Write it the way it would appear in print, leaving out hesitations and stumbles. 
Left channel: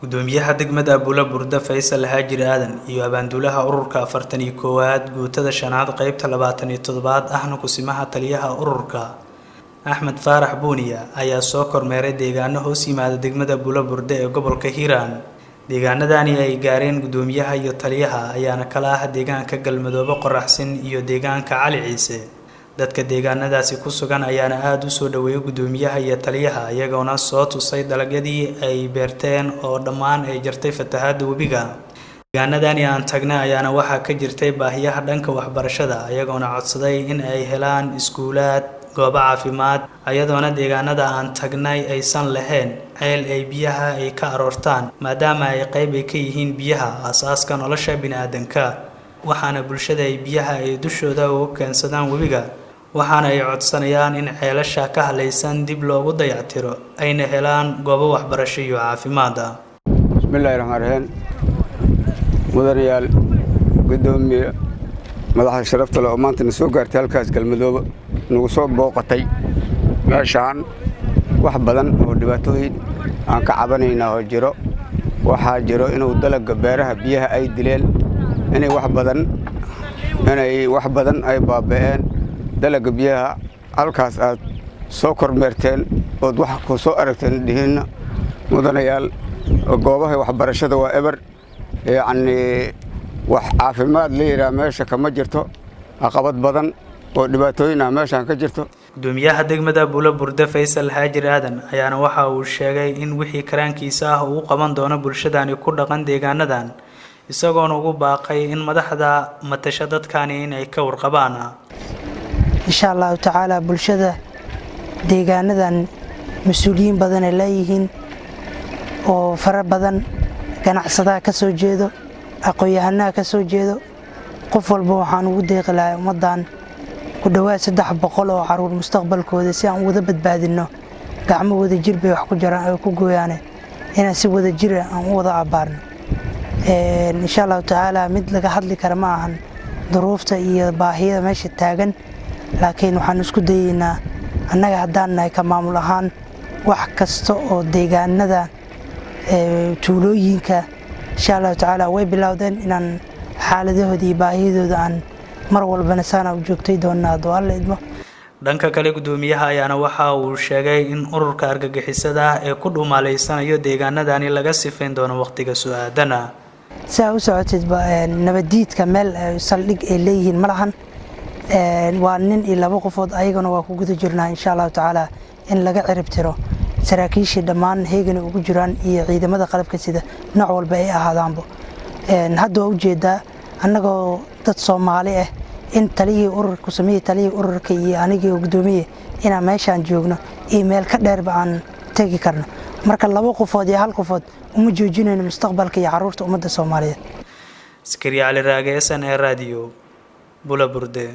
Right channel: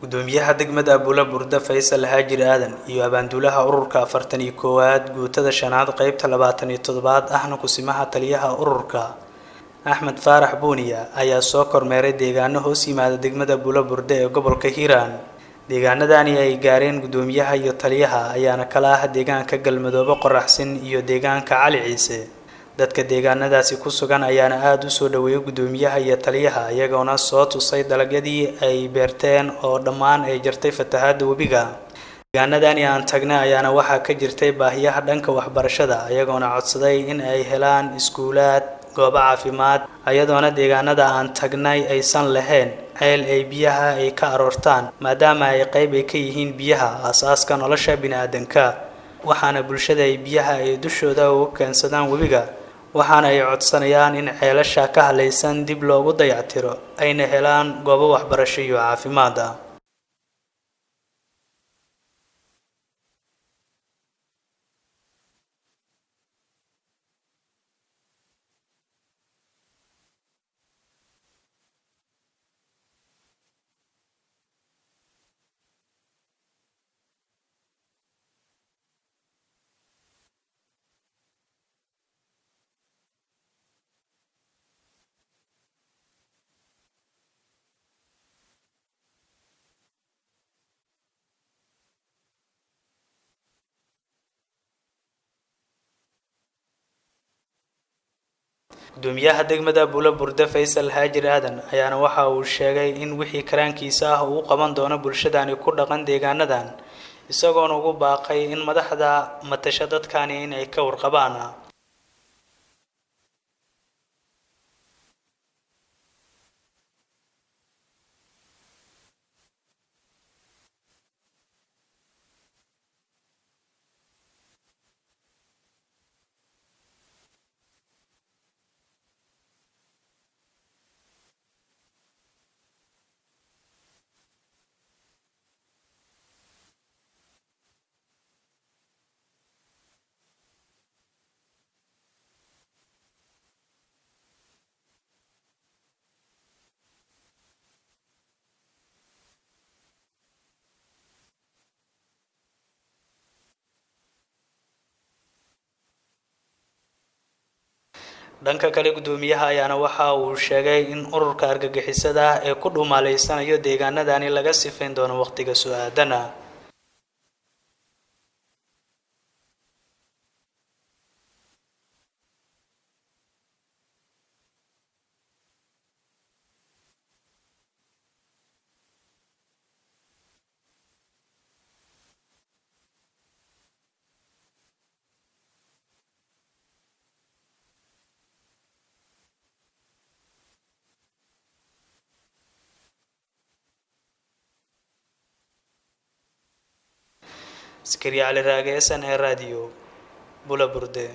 gudoomiyaha degmada Buulaburda Faysal Haajir Aadan iyo abaanduulaha ururka 41aad guutada shanaad qaybta 27aad ahna kusimaha taliyaha ururka Axmed Faarax Buuniya ayaa soo kormeeray deegaano hoos yimaada degmada Buulaburda ee gobolka Hiiraan. deegaanadani ay gaareen gudoomiyaha iyo taliyaha ayaana kala ah deegaanka Galmadoobo Qoraxsin iyo deegaanka Cali Ciise. dadka deegaanadaasi ku sugan ayaana aad u soo dhaweeyay gudoomiyaha iyo taliyaha iyagoona soo tusay dalagyadii ay beerteen oo dhammaan ay jirtay fatahaada webiga. deegaanadani aan tagnay ayaana waxaa ka jirtay baahiyaha dhanka waxbarashada iyagoona codsaday in ay helaan iskuulaad, goobo caafimaad, ayadoona deegaanada aan tagnay aysan lahayn ceel ay biyaha ay ka aroortaan maadaama ay qayb ka yihiin biyaha aasaaska nolosha bini'aadanka. waxaana bulshada ay biyaha ay dushooda uga keensadaan webiga waxaana ay codsanayaan in ceelasha ka halaysan dib loogu dayactiro ayna helaan goobo waxbarasho iyo caafimaad. bismillaahi rahmaani rahiim. mudanayaal gudoomiye madaxda sharafta leh oo maanta soo gaartay halkaas Galmadoobo nagu soo booqatay meeshaan wax badan oo dhibaatooyin aan ka cabanayna oo jiro. waxaa jiro inuu dalagga beeraha biyaha ay dileen inay wax badan ay baaba'een. dalagga biyaha halkaas aad soo kormeerteen oo wax ku soo aragteen dhihina mudanayaal goobaha waxbarashada waa eber wax caafimaad leeyahay meesha kama jirto caqabad badan oo dhibaatooyin ah meeshan ka jirto. gudoomiyaha degmada Buulaburda Faysal Haajir Aadan ayaana waxa uu sheegay in wixii karaankiisa ah uu qaban doono bulshadani ku dhaqan deegaanadan isagoona ugu baaqay in madaxda matasha dadkani in ay ka warqabaan. insha Allah ta'ala bulshada deegaanadan mas'uuliyiin badan ay leeyihiin oo fara badan ganacsadaha ka soo jeedo aqoon-yahannada ka soo jeedo qof walba waxaan ugu deeqi lahaa ummadan ku dhawaad 300 oo caruur mustaqbalkooda si aan wada badbaadino gacmahooda jir bay wax ku jiraan ay ku gooyaan inaan si wada jir aan wada abaarno. insha Allah ta'ala mid laga hadli karo ma ahan duruufta iyo baahida meesha taagan laakiin waxaan isku dayeynaa annaga haddaan nahay ka maamul ahaan wax kasta oo deegaanada tuulooyinka insha Allah ta'ala way bilowdeen inaan xaaladahooda iyo baahidooda aan mar walbana saana u joogtay doonaa Alla idmo. dhanka kale gudoomiyaha ayaana waxa uu sheegay in ururka argagixisada ee ku dhuumaaleysanayo deegaanadani laga sifayn doono waqtiga su'aadana. saa u socotid nabadiidka meel saldhig ay leeyihiin malahan waa nin iyo laba qofood ayagana waa ku guda jirnaa insha Allah ta'ala in laga cirib tiro saraakiishii dhammaan heegana ugu jiraan iyo ciidamada qalabka sida nooc walba ay ahaadaanba. hadda waa ujeedaa annagoo dad Soomaali ah in taliyii ururku sameeyay taliyii ururka iyo anigii gudoomiye inaan meeshaan joogno email ka dheerba aan tagi karno marka laba qofood iyo hal qofood uma joojinayno mustaqbalka iyo caruurta ummadda Soomaaliyeed. Askari Ali Raage, SNA Radio, Buulaburda.